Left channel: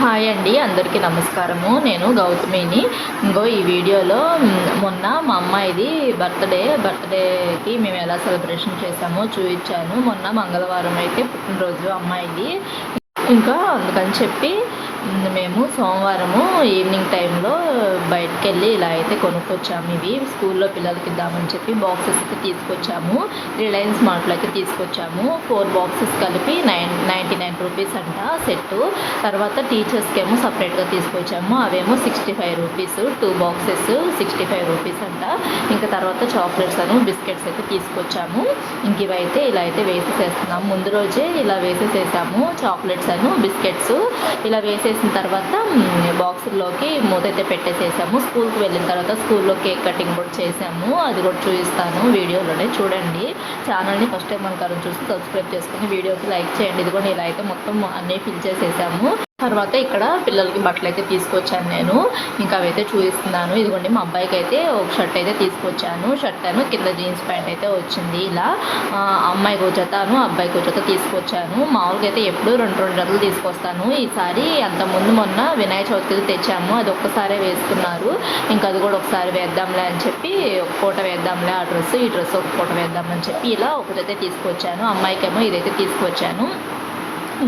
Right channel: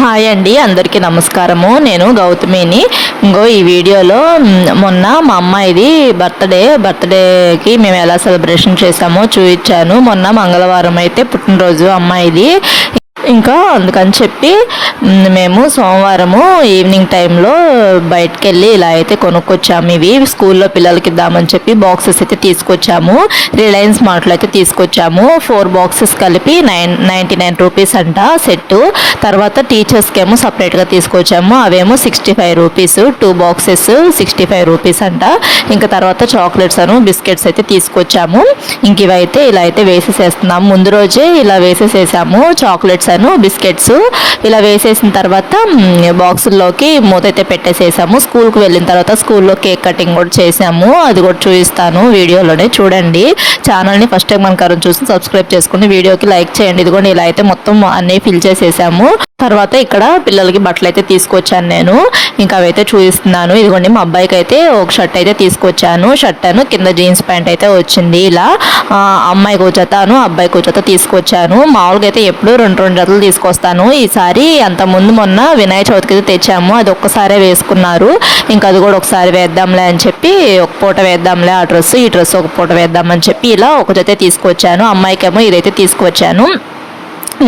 Hi అండి అందరికీ నమస్కారము. నేను గౌతమిని. ఇంకో ఈ వీడియోలో మొన్న మా అమ్మాయిది బర్త్డే బర్త్డేకి మేము ఎలా సెలబ్రేషన్ చేసామో చూపించాను. మొన్న మంగళవారం అయితే పుట్టినరోజు అమ్మాయిది. ఇంకా అందుకని చెప్పి మేము సోమవారము ఈవినింగ్ టైంలో బయటకు వెళ్ళి ఇలా అయితే కొనుక్కొచ్చాము. ఇవి స్కూల్లో పిల్లలకి ఇద్దామని చెప్పి బాక్సెస్ అయితే తీసుకొచ్చాము. రిలయన్స్ మార్ట్లో అయితే తీసుకొచ్చాము. ఫోర్ బాక్సెస్ కలిపి నైన్ నైంటీ నైన్ రూపీస్ అంట సెట్ తర్వాత టీచర్స్కి ఏమో సపరేట్గా తీసుకొచ్చాము. అవేమో sixty five rupees two boxes sixty five rupees అంట. ఇంకా తర్వాత చాక్లెట్స్ అను బిస్కెట్స్ అయితే తీసుకొచ్చాము. ఇంక ఇవైతే ఇలా అయితే వేసేసేస్తున్నాము. ముందు రోజే ఇలా వేసేసేసాము. చాక్లెట్స్ అను బిస్కెట్స్. ఇలా వేసేసిన తర్వాత బాక్సుల్లోకి మూత అయితే పెట్టేసేసాము. స్కూల్కి వెళ్ళిన తర్వాత స్కూల్లో కేక్ కటింగ్ కూడా చేసాము అది కూడా చూపిస్తాను వీడియోలోనే చూడండి. ఛానల్ని ఫస్ట్ టైం మనకు చూసి సబ్స్క్రైబ్ చేసుకుని వీడియోకి లైక్ చేయండి. ఇదిగోండి ఇలా అయితే మొత్తం అన్నీ ఫిల్ చేసేసాము. తర్వాత ఇక్కడ పిల్లలకి బట్టలు అయితే తీసుకొచ్చాను నేను. ఇంకా అవైతే చూపిస్తున్నాను. ఇదిగోండి మా అబ్బాయికి అయితే ఒక షర్ట్ అయితే తీసుకొచ్చాను. షర్ట్ అను కింద జీన్స్ ప్యాంట్ అయితే వచ్చింది. ఇలా అమ్మాయి అమ్మాయికి ఒక జతను అబ్బాయికి జత తీసుకొచ్చాను. మామూలుగా అయితే ఎప్పుడు రెండు రెండు జతలు తీసుకొస్తాను. ఈసారి అంత ముందు మొన్న వినాయక చవితికి తెచ్చాము. అది ఒక్కసారే వేసుకున్నారు. ఇంకా అది కూడా ఒకసారి వేద్దాంలే అని చెప్పి ఒక పూట వేద్దాంలే ఆ డ్రెస్ ఈ డ్రెస్ ఒక పూట వేద్దామని చెప్పి ఇలా ఒక జత తీసుకొచ్చాను అమ్మాయికేమో ఇదైతే తీసుకొచ్చాను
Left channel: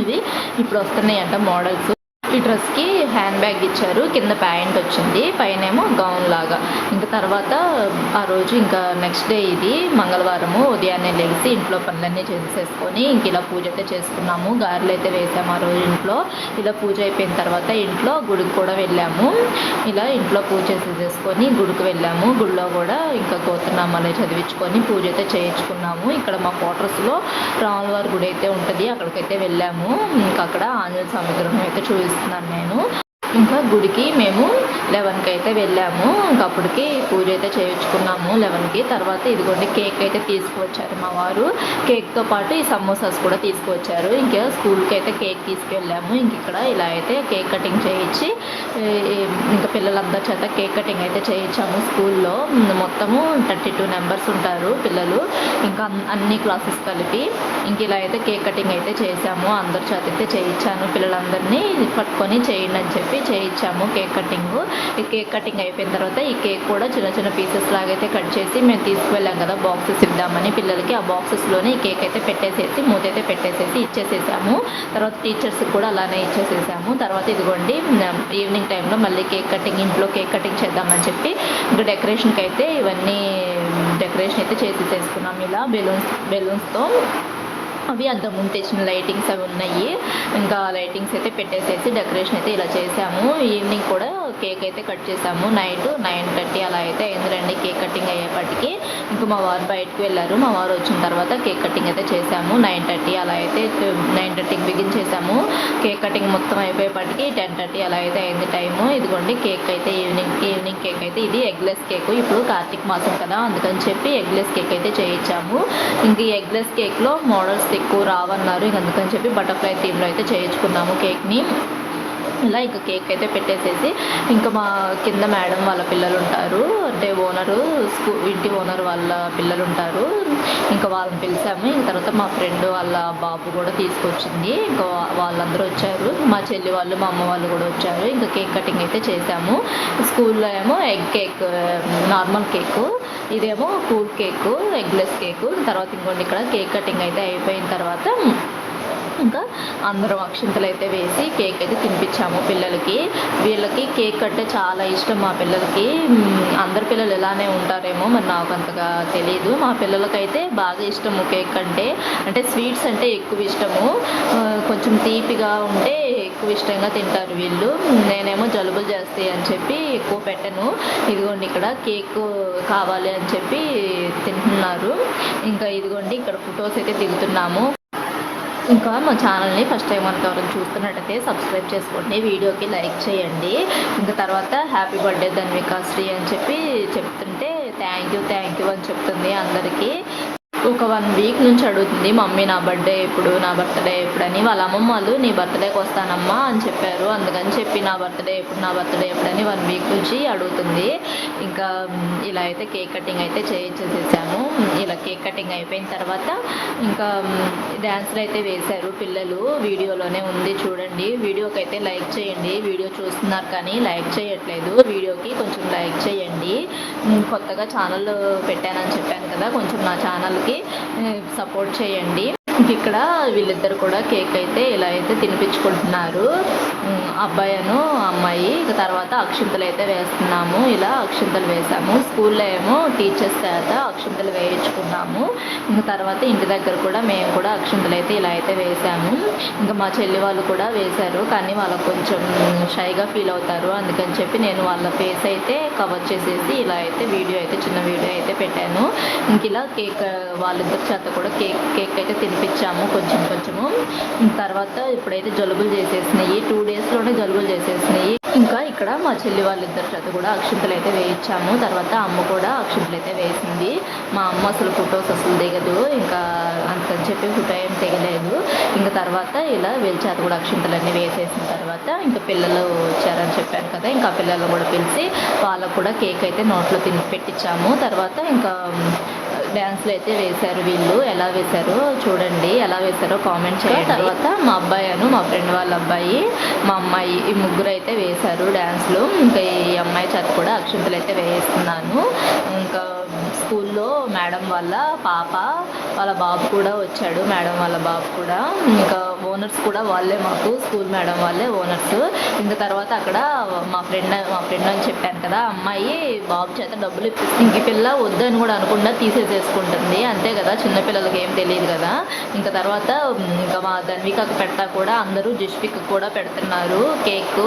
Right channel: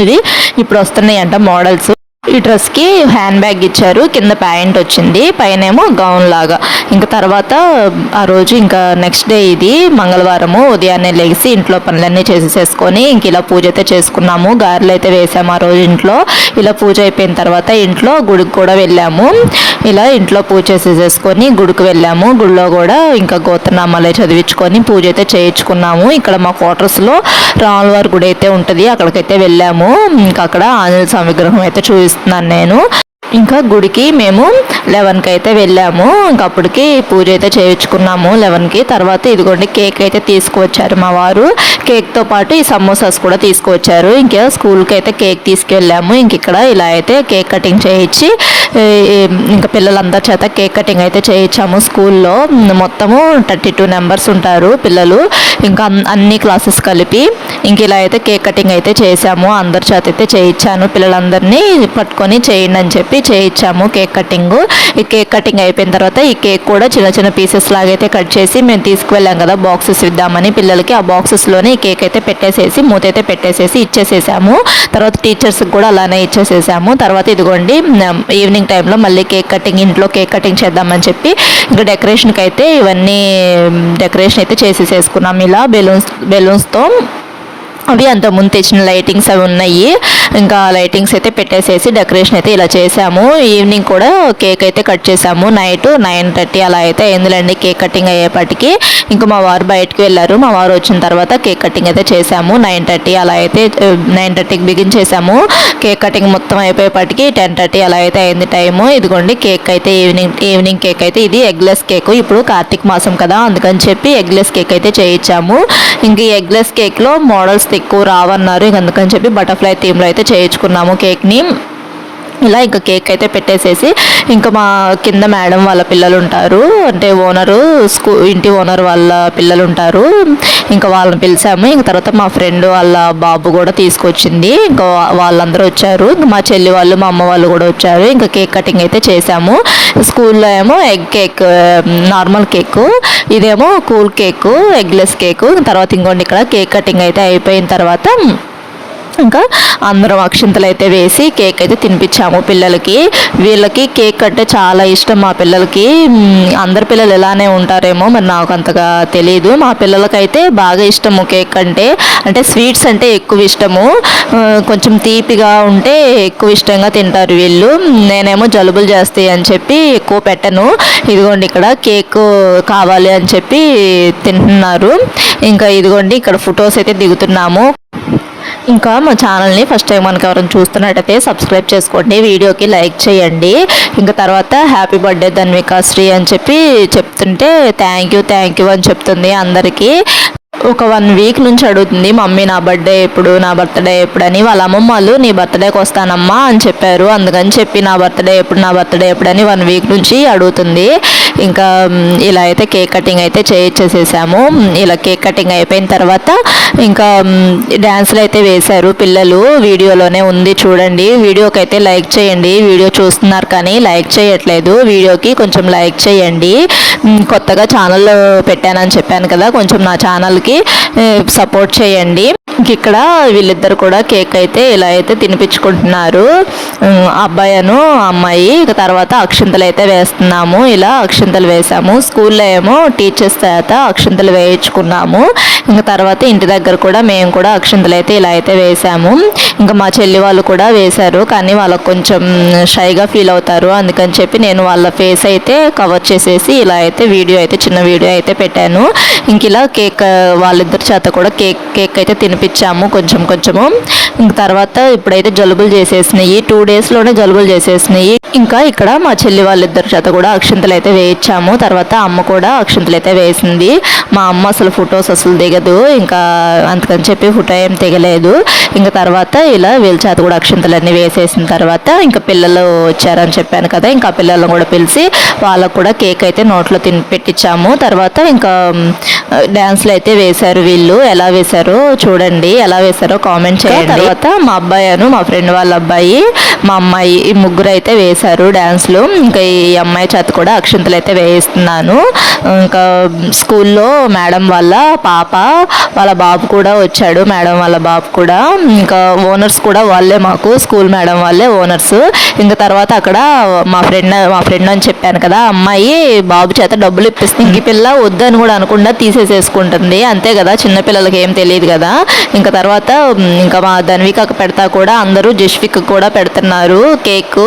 ఇది ఇప్పుడు వస్తున్నాయంట మోడల్స్. ఈ డ్రెస్కి హ్యాండ్ బ్యాగ్ ఇచ్చారు. కింద ప్యాంట్ వచ్చింది. పైన ఏమో గౌన్ లాగా. ఇంకా తర్వాత ఆ రోజు ఇంకా నెక్స్ట్ డే ఇది మంగళవారము ఉదయాన్నే లేచి ఇంట్లో పనులన్నీ చేసేసుకొని ఇంక ఇలా పూజ అయితే చేసుకున్నాము. గారెలు అయితే వేసాము ఆ రోజు ఇంట్లో. ఇలా పూజ అయిపోయిన తర్వాత ఇంట్లో గుడికి కూడా వెళ్ళాము. ఇలా ఇంట్లో పూజ చేసేసుకొని గుడికి వెళ్ళాము. గుడిలో కూడా ఇంకా గోత్రనామాలే చదివించుకొని పూజ అయితే చేయించుకున్నాము. ఇక్కడ మా క్వార్టర్స్లో రాములవారి గుడి అయితే ఉంటుంది. అక్కడికైతే వెళ్ళాము. ఇంకా అక్కడ ఆంజనేయ స్వామి విగ్రహం అయితే చూసి చూపిస్తున్నాను నేను. ఇంకా గుడికి మేము లెవెన్కి అయితే వెళ్ళాము. ఇంకా అప్పటికి పూజ అయితే చేయించుకున్నాము లెవెన్కి. తర్వాత ఇదిగోండి కేక్ అయితే తీసుకువచ్చారు మా వారు. కేక్తో పాటు ఈ సమోసాస్ కూడా తీసుకువచ్చారు. ఇంకా స్కూల్కి అయితే కేక్ తీసుకెళ్ళాము. ఇంక ఇక్కడ ఇలా అయితే కేక్ కటింగ్ చేయించి ఇంకా పిల్లలందరి చేత కేక్ కటింగ్ అయితే చేయించాము స్కూల్లో. మొత్తము థర్టీ టూ నెంబర్స్ ఉంటారు పిల్లలు. ఇంకా అన్- అన్ని క్లాసెస్ కలిపి ఇంక ఇలా అయితే కేక్ కటింగ్ అయితే చేశాము. అందరి చేత అయితే చేయించాను పిల్లలందరినీ పట్టుకొని చేయండి అని చెప్పి చేయించాము కేక్ కటింగ్ ఈ కేక్ కటింగ్ అయిపోయిన తర్వాత ఈ కేక్ కూడా చిన్న చిన్న పీసెస్ లాగైతే కట్ చేసి మేము తీసుకువెళ్ళాం కదా బాక్సెస్ ఇద్దామని. పిల్లలకి ఆ బాక్సెస్లోనే ఈ కేక్ అయితే పెట్టేసేసి మూత అయితే పెట్టేసేసి ఇచ్చేసేసాము. తర్వాత టీచర్స్కి కూడా అలానే ఇచ్చేసేసాము. తర్వాత ఇదిగోండి ఈవినింగ్ టైంలో మళ్ళీ కేక్ కటింగ్ ఇంట్లో కేక్ కటింగ్ చేద్దామని చెప్పి ఇంకా డెకరేషన్కి అయితే ఇవన్నీ డెకరేషన్ అయితే చేసేసేసుకున్నాం. ఇలా బెలూన్స్ బెలూన్స్తో అవి అంత ముందు తెచ్చిన లైటింగ్స్ అవి ఉన్నాయి. ఇంకా లైటింగ్స్ అయితే పెట్టేసేసి డెకరేషన్ అయితే ఇలా చేసాము ఈవినింగ్ కూడా కేక్ అయితే కట్ చేసాము నైట్ నైన్ థర్టీ అలా అయితే అయిందిలేండి కేక్ కటింగ్ అయ్యేపటికి. ఇంకా మా వారు బయటకు వెళ్ళారు. మా వారు వచ్చిన తర్వాత కేక్ కటింగ్ అయితే చేసాము నైన్ థర్టీ అలా అయితే నైన్ థర్టీకి బిగించేసాము కేక్ కటింగ్ మొత్తం అయిపోయేపటికి టెన్ థర్టీ అలా అయితే అయింది టైము ఇదిగోండి కేక్ అయితే ఈవినింగ్ ఈవినింగ్ కేక్ అయితే ఇది ఎగ్లెస్ కేక్ ఇప్పుడు కార్తీక మాసం కదా అందుకని చెప్పి ఎగ్లెస్ కేక్ అయితే చేయించాము. ఇంక ఈ ఎగ్లెస్ కేక్లో మోడల్స్ ఎక్కువ రావన్నారు. అందుకని చెప్పి బటర్ఫ్లై థీమ్లో అయితే చేయించుకున్నాము కేక్ని. ఇలా ఇంకా కేక్ అయితే పెట్టేసేసి ఇంకా మా కింద మేడం వాళ్ళ పిల్లలు ఉంటారు అంటే ఓనరు స్కూ ఇంటి ఓనర్ వాళ్ళ పిల్లలు ఉంటారు ఇంకా వాళ్ళని పిలిచాము. ఇంక తర్వాత మా ఫ్రెండ్ వాళ్ళ బాబు కూడా తీసుకొచ్చింది. ఇంకా వాళ్ళందరూ వచ్చారు. ఇంకా మా చెల్లి వాళ్ళు మా అమ్మ వాళ్ళు కూడా వచ్చారు. ఇంకా కేక్ కటింగ్ అయితే చేసాము స్కూల్లో ఏమో ఎగ్ కేక్ నార్మల్ కేక్ ఇదేమో కూల్ కేక్ ఎగ్లెస్ కేక్. తర్వాత ఇంకోండి ఇక్కడ కేక్ కటింగ్ అయితే అయిపోయిన తర్వాత ఇంకా అందరం అక్షింతలు అయితే వేసి కేక్ అయితే తినిపించాము పిల్లలకి. వీళ్ళకి కేక్ అంటే చాలా ఇష్టం మా పిల్లలకి. అందరి పిల్లలు ఇలానే ఉంటారేమో మరి నాకు అంతగా తెలియదు మా పిల్లలకైతే బాగా ఇష్టము కేక్ అంటే. అంటే స్వీట్స్ అంటే ఎక్కువ ఇష్టము. కొంచెం తీపిగా ఉంటే ఎక్కువ ఇష్టంగా తింటారు వీళ్ళు. నేనేమో జలుబులు చేస్తాయి అని చెప్పి ఎక్కువ పెట్టను. ఇదిగోండి ఇక్కడ కేక్ కావాలి అని చెప్పి తింటున్నారు. ఇంకా ఇదిగోండి ఇక్కడ ఫొటోస్ అయితే దిగుతున్నాము. ఇంకా మా ఛానల్ని ఫస్ట్ టైం మనకు ఎవరైనా చూస్తున్నట్టయితే సబ్స్క్రైబ్ చేసుకోండి వీడియోకి లైక్ చేయండి. ఇంకా తర్వాత హ్యాపీ బర్త్డే ధన్వికా శ్రీ అని చెప్పి చెప్తుంటే థ్యాంక్ యూ థ్యాంక్ యూ అని చెప్తుంది అందరికీ. ఒక వన్ వీక్ నుంచి అడుగుతుంది మమ్మీ నా బర్త్డే ఎప్పుడు నా బర్త్డే ఎప్పుడు అని. వాళ్ళ అమ్మమ్మ వాళ్ళు నీ బర్త్డేకి వస్తానమ్మా అని చెప్పారు. అందుకని చెప్పి నా బర్త్డే ఎప్పుడు నా బర్త్డే ఎప్పుడని వన్ వీక్ నుంచి అడుగుతుంది. ఇంకా ఇలా అయితే కేక్ కటింగ్ అయితే చేయించేసేసాము ఇలా కేక్ కటింగ్ అయిపోయిన తర్వాత ఇంకా డ్యాన్స్లు అయితే వేశారు పిల్లలు. వీడియోలోనే ఉంది చూడండి. వీడియోకి అయితే లైక్ చేయండి. వీడియో చూస్తున్నారు కానీ లైక్ చేయట్లేదు. వీడియోకి కొంచెం లైక్ చేయండి. కొత్తగా ఛానల్ పెట్టానని చెప్పాను కదా కొంచెం నా ఛానల్కి సపోర్ట్ చేయండి. ఇక్కడ వీళ్ళిద్దరు కూడా కేక్ అయితే ఇలా అయితే తినిపించుకుంటున్నారు. అబ్బాయిను అబ్బాయి అమ్మాయి ఇక తర్వాత అక్షింతలు అయితే వేస్తున్నాము. ఇలా అక్షింతలు వేసాము స్కూల్లో ఏమో టీచర్స్ చేత అక్షింతలు వేయించుకున్నాము. ఇంకా తర్వాత ఇంటి దగ్గర కూడా మేము కూడా అక్షింతలు అయితే ఇలా అయితే వేసాము ఇంకా మా చెల్లి వాళ్ళు కూడా వేశారు. కానీ వాళ్ళకు కొంచెం షైగా ఫీల్ అవుతారు. అందుకని చెప్పి నేను వాళ్ళ ఫేస్ అయితే కవర్ చేసేసి ఇలా అయితే వీడియో అయితే చిన్న వీడియో అయితే పెట్టాను. ఇంక ఇలా కేక్ వాళ్ళిద్దరి చేత కూడా కేక్ కేక్ అయితే పంపించాము కొంచెం కొంచెము. ఇంక తర్వాత ఇప్పుడైతే జలుబులు చేసేసినాయి. టూ డేస్లోనే జలుబులు చేసేసినాయి. ఇంకా ఇక్కడ మా చెల్లి వాళ్ళిద్దరి చేత కూడా అక్షింతలు అయితే వేయించాము. తర్వాత అమ్మ కూడా అక్షింతలు అయితే వేసింది. మా అమ్మ అసలు ఫొటోస్ అసలు దిగదు. ఇంకా అందుకని చెప్పి ఫోటో ఏం దిగలేదు. ఇంకా తర్వాత ఇలా వీళ్ళ చేత కూడా అక్షింతలన్నీ వేసేసిన తర్వాత ఇంకా పిల్లలు వచ్చారని చెప్పాను కదా ఇంకా పిల్లలను కూడా పిలిచి వాళ్ళకు కూడా కేక్ అయితే నోట్లో తిని పెట్టించాము. తర్వాత ఇంకా డ్యాన్స్లు అయితే వేశారు వీళ్ళు. ఎలా వేశారో చూడండి. ఎలా వేశారో కామెంట్ చేయండి. తర్వాత మా అబ్బాయి అను మా ఫ్రెండ్ వాళ్ళ అబ్బాయి మా అమ్మాయి ఈ ముగ్గురు అయితే వేశారు డ్యాన్స్లు ఇంకా ఈ అమ్మాయి చేత కూడా అక్షింతలు అయితే వేయిస్తున్నాను. ఇంకా స్కూల్లో మేడం వాళ్ళ పాప వాళ్ళ బాబు కూడా వచ్చాడు మేడం వాళ్ళ బాబు కూడా. ఇంకా ఓనర్స్ కూడా వాళ్ళే మాకు స్కూల్ మేడం వాళ్ళే ఓనర్స్ ఇంకా తర్వాత అక్కడ మా ఫ్రెండ్ మా ఫ్రెండ్ అని చెప్పాను కదా అమ్మాయి బాబు చేత డబ్బులు ఇప్పిస్తుంది ఇంక పిల్ల వద్దని కూడా అనకుండా తీసేసేసుకుంటుంది. అంతే కదా చిన్నపిల్లలకి ఏం తెలియదు కదా. ఇంకా తర్వాత ఇంకా మా ధన్వికకు పెడతా కూడా అందరూ జస్విక్ కూడా పెడుతున్నారు కేక్.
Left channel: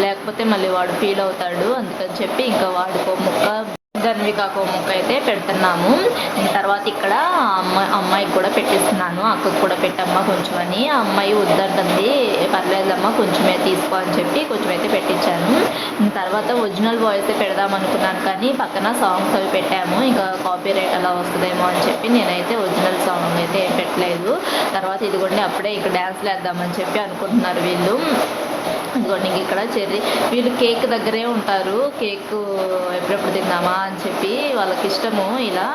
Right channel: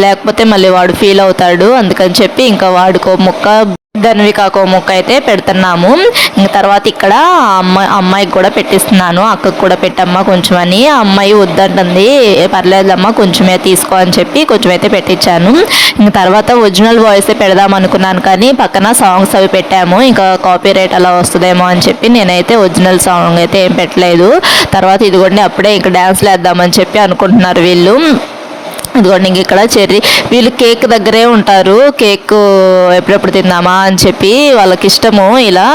లేకపోతే మళ్ళీ వాడు ఫీల్ అవుతాడు అందుకని చెప్పి ఇంకా వాడుకో ముక్క ధన్వికాకో ముక్క అయితే పెడుతున్నాము. తర్వాత ఇక్కడ అమ్మాయి అమ్మాయికి కూడా పెట్టిస్తున్నాను. అక్కకు కూడా పెట్టమ్మా కొంచెం అని. ఆ అమ్మాయి వద్దంటుంది. పర్లేదమ్మా కొంచెమే తీసుకో అని చెప్పి కొంచెం అయితే పెట్టించాను. ఇంక తర్వాత ఒరిజినల్ వాయిస్ పెడదాం అనుకున్నాను కానీ పక్కన సాంగ్స్ అవి పెట్టాము. ఇంకా కాపీ రైట్ అలా వస్తుందేమో అని చెప్పి నేనైతే ఒరిజినల్ సాంగ్ అయితే ఏం పెట్టలేదు. తర్వాత ఇదిగోండి అప్పుడే ఇంకా డ్యాన్స్లు వేద్దామని చెప్పి అనుకుంటున్నారు వీళ్ళు. ఇదిగోండి ఇంక ఇక్కడ చెర్రీ. వీళ్ళు కేక్ దగ్గరే ఉంటారు. కేక్ ఎప్పుడెప్పుడు తిందామా అని చెప్పి వాళ్ళకి ఇష్టము ఇలా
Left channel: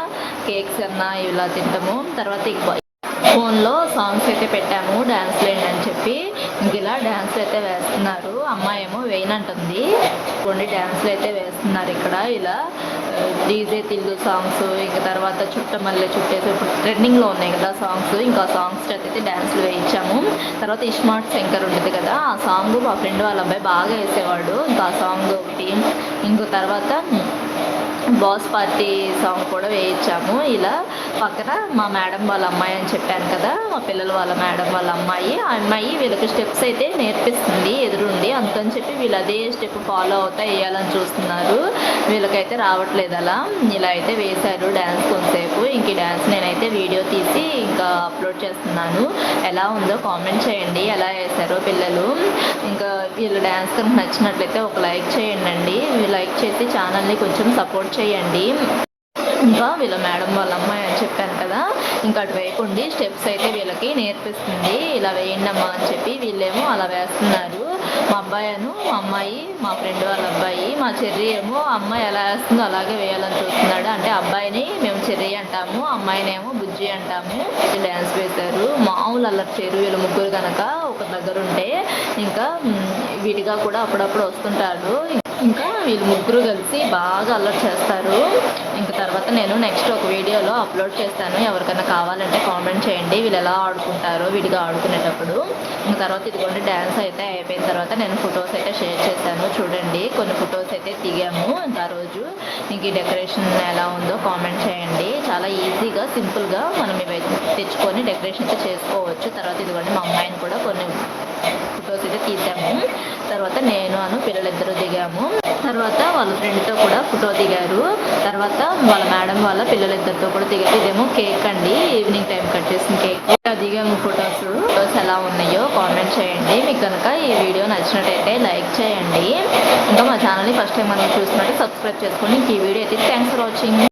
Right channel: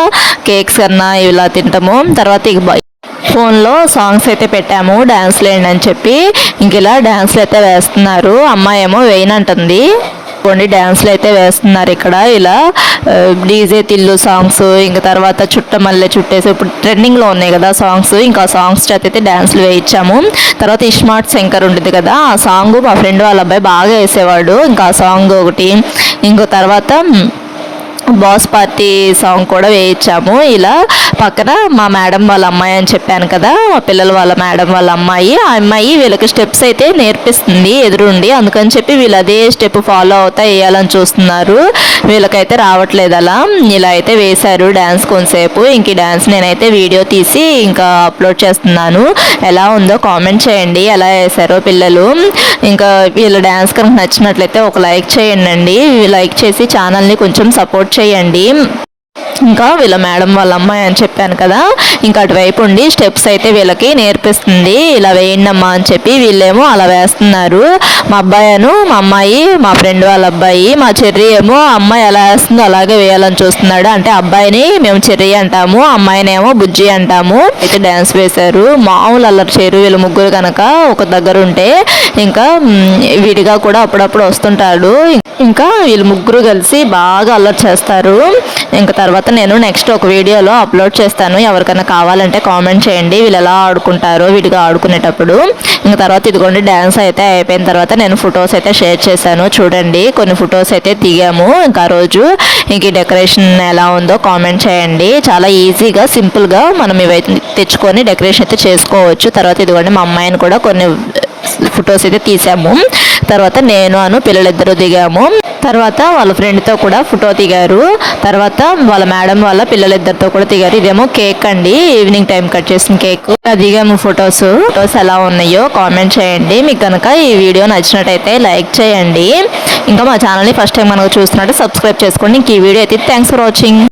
కేక్స్ కన్నా ఇలా తింటాము. తర్వాత ఇక ఫోన్లో సాంగ్స్ అయితే పెట్టాము. డ్యాన్స్ వేయండి అని చెప్పి ఇంక ఇలా డ్యాన్స్లు అయితే వేస్తున్నారు. అమ్మాయి ఏమో వేయనంటుంది. కొన్ని డ్యాన్స్లు అయితే వేస్తున్నారు ఇక్కడ. ఇలా డీజే తిల్లు సాంగ్స్ ఇంకా తర్వాత చుట్ట మల్లె చుట్టేసి ఇప్పుడు ట్రెండింగ్లో ఉన్నాయి కదా సాంగ్స్ ఇంకా సాంగ్స్ చేత అయితే డ్యాన్స్లు వేయించాము. తర్వాత ఇష్మార్ట్ శంకర్ ఉంటుంది కదా ఆ సాంగ్ మా ఫ్రెండ్ వాళ్ళ అబ్బాయి బాగా వేసేవాడు. ఇంకా ఆ సాంగ్ ఒకటి ఇంకో తర్వాత బాస్ పార్టీ సాంగ్ కూడా వేయించాము. ఇలా పక్కన మా మేడం వాళ్ళ అమ్మాయి అని చెప్పాను కదా మా పిల్లల వాళ్ళ మేడం వాళ్ళ అమ్మాయి. ఆ అమ్మాయి వీళ్ళకి స్టెప్స్ అయితే నేర్పిస్తుంది ఎదురుండి. అందుకని చెప్పి వీళ్ళు అదే స్టెప్ ఫాలో అవుతా వేయాలని చూస్తున్నారు. వీళ్ళకైతే రావట్లేదు అలా. ఇలా అయితే వేశారు డ్యాన్స్ కొంతసేపు. ఇంక డ్యాన్స్ నేనైతే వీడియో తీసి ఇంకా అప్లోడ్ చేస్తున్నాను. ఎలా ఉందో కామెంట్ చేయండి. ఎలా వేశారో పిల్లలు. ఇంకా వీళ్ళ డ్యాన్స్ కనుక నచ్చినట్లయితే ఒక లైక్ చేయండి. లైక్ చేసి ఛానల్ని కొంచెం సపోర్ట్ చేయండి ఇంకా వీళ్ళ మేడం వాళ్ళ అమ్మాయి అని చెప్పాను కదా ఇంకా అటువైపు ఉండి స్టెప్స్ అయితే వీళ్ళకి నేర్పిస్తుంది. ఇలా వేయండమ్మా అని చెప్పి వీళ్ళేమో అలా వేస్తున్నారు. మా అబ్బాయిను మా అమ్మాయి మా ఫ్రెండ్ వాళ్ళ అబ్బాయి మా చెర్రీ ఏమో అమ్మాయి ఎలా వేస్తుందో అలాగే వేయాలని చూస్తున్నాడు. అంటే అబ్బాయిని మేము చెర్రీ అంటాము అమ్మాయినేమో బుజ్జి అంటాము. అయితే డ్యాన్స్ వేశారు. మామూలు అల్లరి చేరు వీళ్ళు ముగ్గురు కనుక ఒక దగ్గర ఉంటే ఇంకా విడిగా కూడా అప్పుడప్పుడు వస్తుంటాడు. ఇంకా వీళ్ళు ముగ్గురు కలిసి బాగా అల్లరి చేస్తారు. ఇంకా తర్వాత నేను నెక్స్ట్ ఒక వీడియోలో అప్లోడ్ చేస్తాను. ఎవరికైనా కావాలంటే కామెంట్ చేయండి. వీళ్ళు ఎలా ఆడుకుంటారో విడిగా ఆడుకునేటప్పుడు. ఇంకా తర్వాత ఇదిగోండి డ్యాన్స్ అయితే అయిపోయిన తర్వాత నేను ఫొటోస్ అయితే షేర్ చేశాను. చూడండి కొన్ని ఫొటోస్ అయితే దిగాము. ఇంకా రోజు ఇంక డెకరేషన్ ఎలా ఉందో కామెంట్ చేయండి. చాలా ఈజీగా సింపుల్గా మనం ఇవైతే తెచ్చుకొని డెకరేషన్ అయితే చేసుకోవచ్చు. తర్వాత ఇదిగోండి మా అమ్మాయిని కూడా కొన్ని ఫొటోస్ అయితే తీసాము. తర్వాత నేను అను పిల్లలిద్దరూ దిగాము. తర్వాత వాళ్ళ ఫ్రెండ్తో కూడా ఫోటో దిగారు. తర్వాత వాళ్ళ మేడం వాళ్ళ పిల్లలిద్దరితో కూడా దిగారు. ఇదేమో కేక్ అండి. ఈవినింగ్ టైం కట్ చేసిన కేక్ దిగాము ఫొటోస్ ఫొటోస్ ఎలా ఉన్నాయో కామెంట్ చేయండి. మీకు కనుక ఈ వీడియో నచ్చినట్టయితే లైక్ చేయండి. ఇంకా మా ఛానల్ని ఫస్ట్ టైం మనకు చూస్తున్నట్టు సబ్స్క్రైబ్ చేసుకోండి. ఇంక ఈ వీడియో అయితే థ్యాంక్స్ ఫర్ వాచింగ్